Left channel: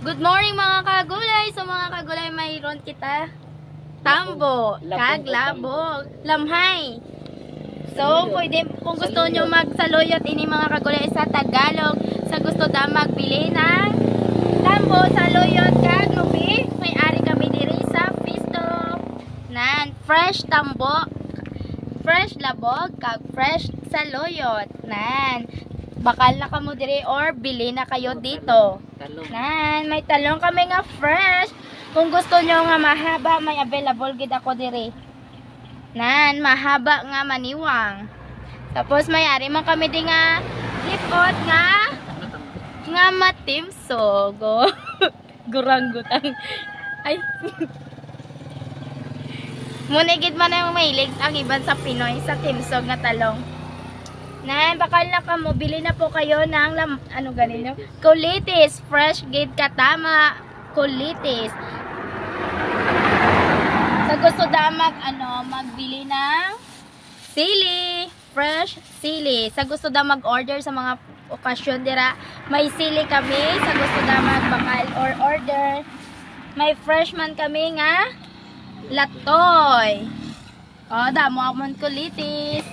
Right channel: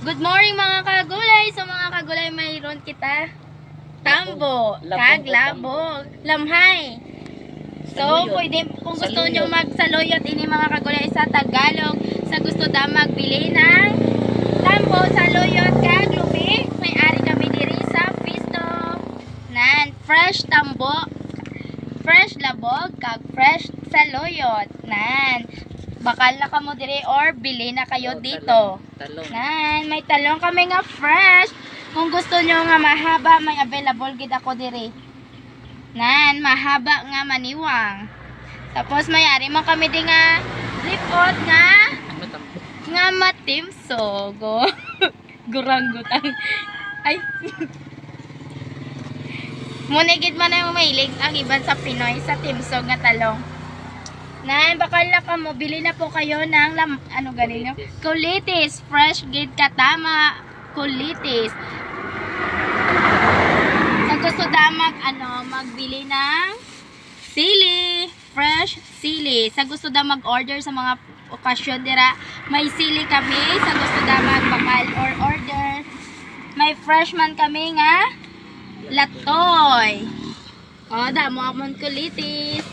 Good morning mga kagulay. So mga kagulay, mayroon kita tambo, kaglabog, lamhay. So pwede, kung gusto nyo magsaluyot ini mga kagulay sa Tagalog, sa gusto da magbili ng tambo, saluyot, kaglubi, may ari kami diri sa Pisto nan fresh tambo, fresh labog, kag fresh saluyot nan. Bakal na kamo diri or bili na kayo dito. Nan, may talong kami nga fresh. Kung gusto nyo nga mahaba, may available gid ako diri. Nan, mahaba nga maniwang. Tapos may ari man kami di nga lipot nga matimsog. Guranggutan. Ay. Munigid man ang mahilig ang iban sa Pinoy sa timsog nga talong. Nan, bakal na ka mo, bili na po kayo ng ano ganito? Kulitis, fresh gid katama, kulitis. Sa gusto da magbili ng sili, fresh sili. Sa gusto da mag-order sa mga okasyon dira, may sili kami. Sa gusto da magbakal or order, may fresh man kami nga latoy. O, damo amon kulitis.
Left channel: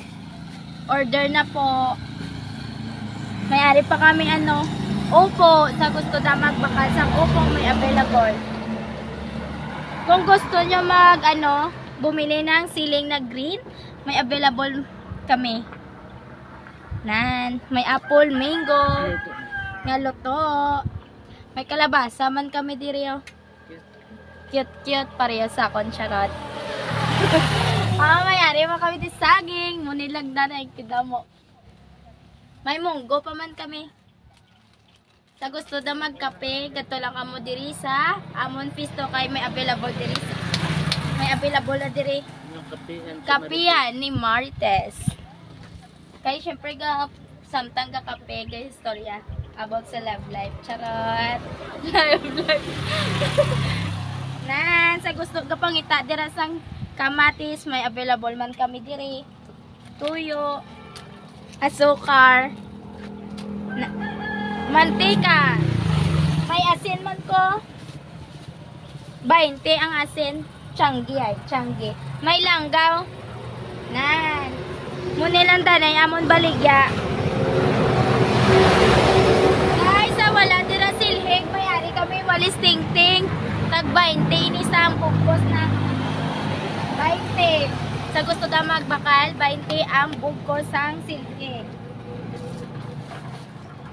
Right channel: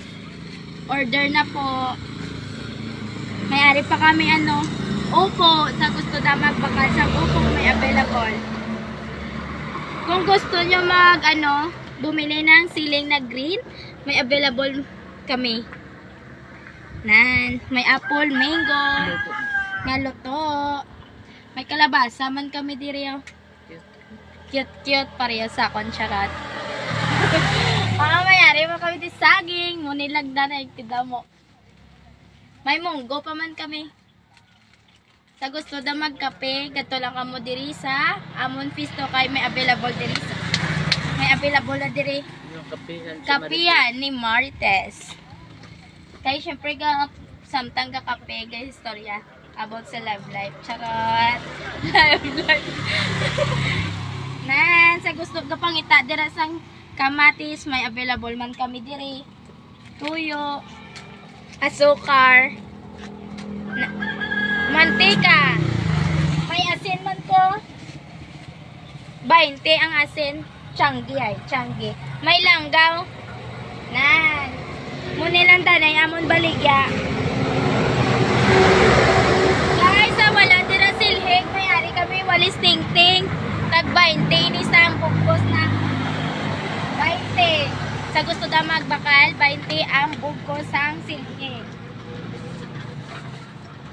Order na po. May ari pa kami upo. Sa gusto na magbakal sa upo, may available. Kung gusto nyo bumili ng siling na green, may available kami. Nan, may apple, mango, nga luto. May kalabasa man kami diri. Cute pareho sa akon, charot. Mayari mo kami di saging, munilagda na ikida mo. May munggo pa man kami. Sa gusto da magkape, gato lang kamo diri sa Amon Pisto kay may available diri sa. May available na diri. Kapihan ni Marites. Kay syempre samtang ka kape, guys, istorya about sa love life. Charot. Love life. Nan, sa gusto ka pangita dira sang kamatis, may available man kami diri. Tuyo, asukar, mantika. May asin man ko. 20 ang asin. Tianggi. May langgaw. Nan. Munilang danay amon baligya. Guys, wala dira silhig. May ari kami walis tingting. Tag 20 ni sa bugkos na 20. Sa gusto da magbakal, 20 ang bugkos sang silke.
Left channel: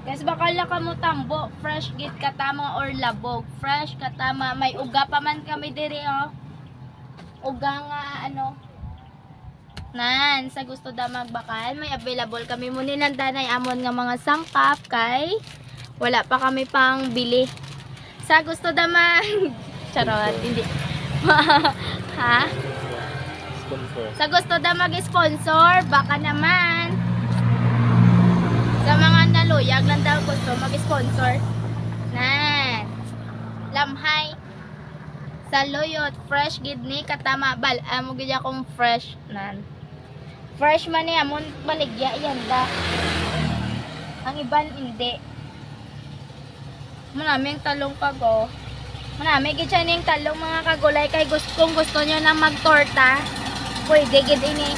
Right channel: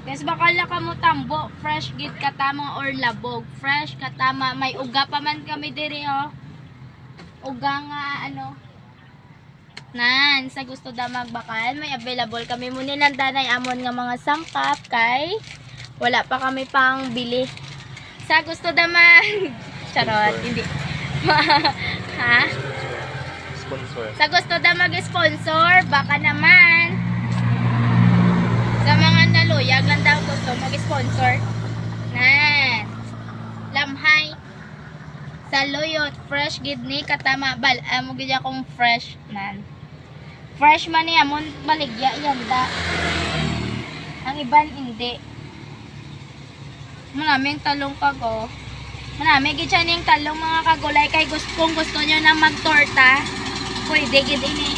Yes, bakal na kamo tambo, fresh gid katama or labog, fresh katama. May uga pa man kami diri Uga nga Nan, sa gusto da magbakal, may available kami muni ng danay amon nga mga sangkap kay wala pa kami pang bili. Sa gusto da charot, hindi. Ha? Sponsor. Sa gusto da mag-sponsor, baka naman. Sa mga naluyag lang daw gusto mag-sponsor. Nan. Lamhay. Saluyot, fresh gid ni katama bal. Amo gid akong fresh nan. Fresh man ni amon baligya yan da. Ang iban hindi. Maraming talong kago. Marami gid siya ning talong mga kagulay kay kung gusto nyo na magtorta, pwede gid ini.